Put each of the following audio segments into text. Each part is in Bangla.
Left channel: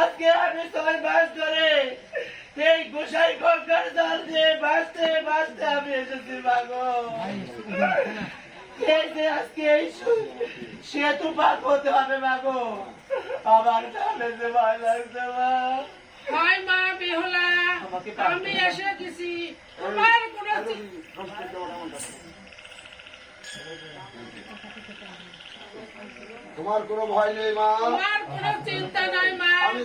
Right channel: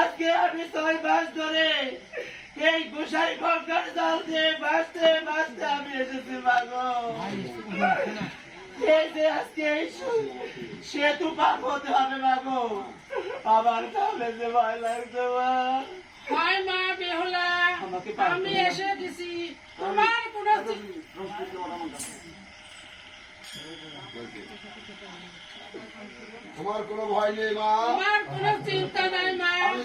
আজকে আমি 6 মাস ধরে এই গোসাই গঙ্গার জাল দিয়ে বাঁচতে বাঁচতে আমি এসেছি মাগো। এই যে আজকে এই সেতু পার হতে হবে মাগো, আমার কাছে যে ভয় লাগছে মা। হাই মা বেহুলা, আমি এসে গেছি। তোমার কোনো ভয় নেই মা, তোমার কোনো চিন্তা নাই মা। আমি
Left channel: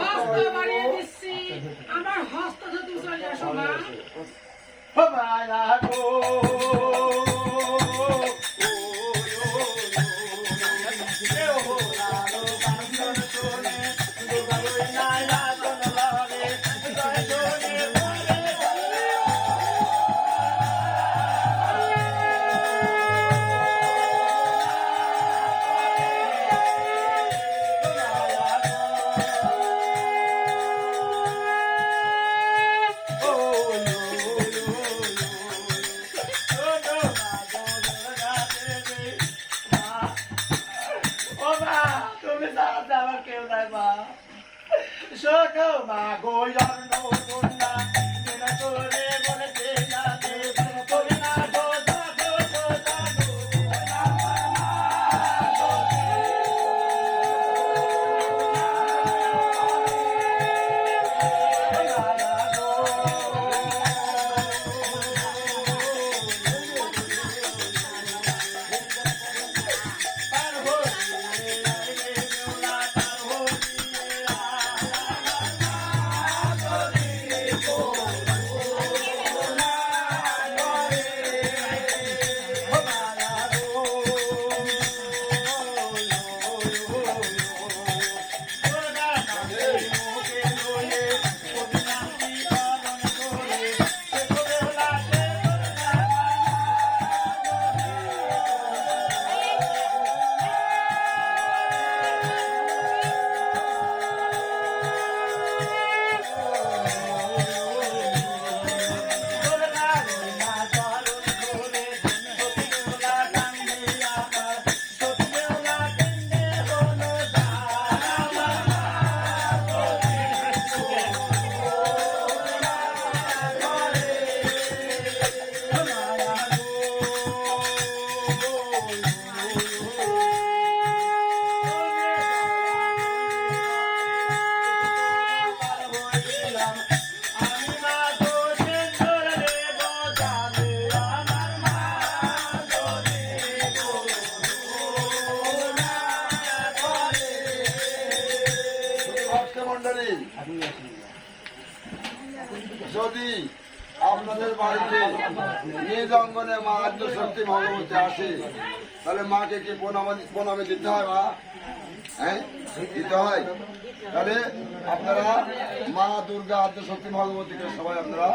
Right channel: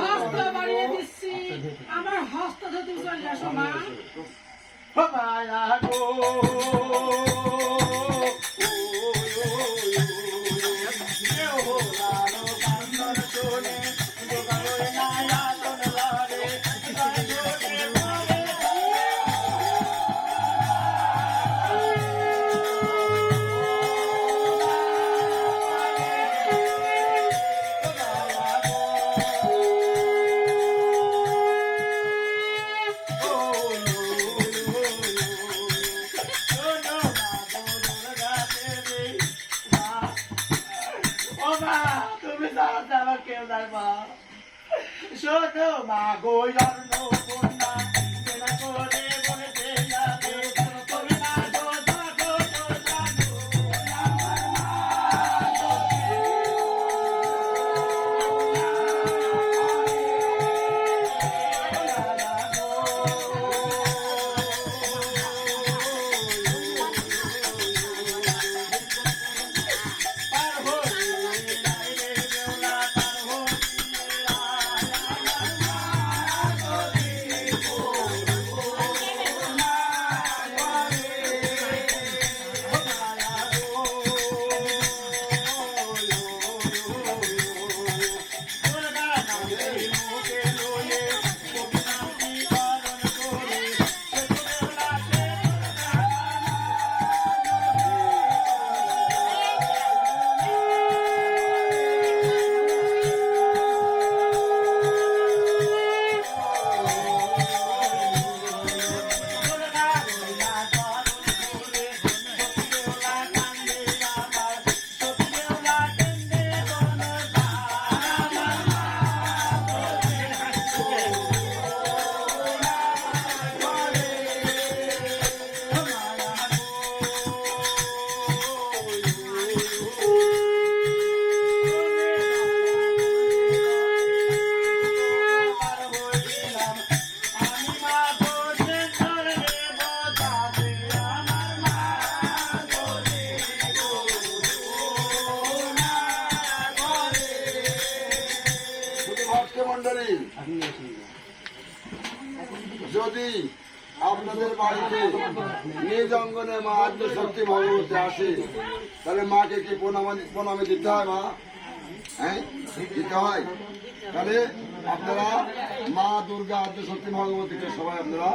হস্ত বাড়িয়ে দিচ্ছি, আমার হস্ত তুমি চলে আসো মা। শোনো মা গো জন্ম কন্যা করে বলতে যাবে তুমি না গো জাগো যদি আপনাদের বাড়িতে নিজ অঙ্গনে মা আদ্যশক্তি ভগবতী আসে, তাহলে মাকে কি প্রণামে দিতে হয় মা? হ্যাঁ, দিতে হয়। তাহলে আপনারা মা দুর্গা আদ্যশক্তি ভগবতীকে সবাই আপনারা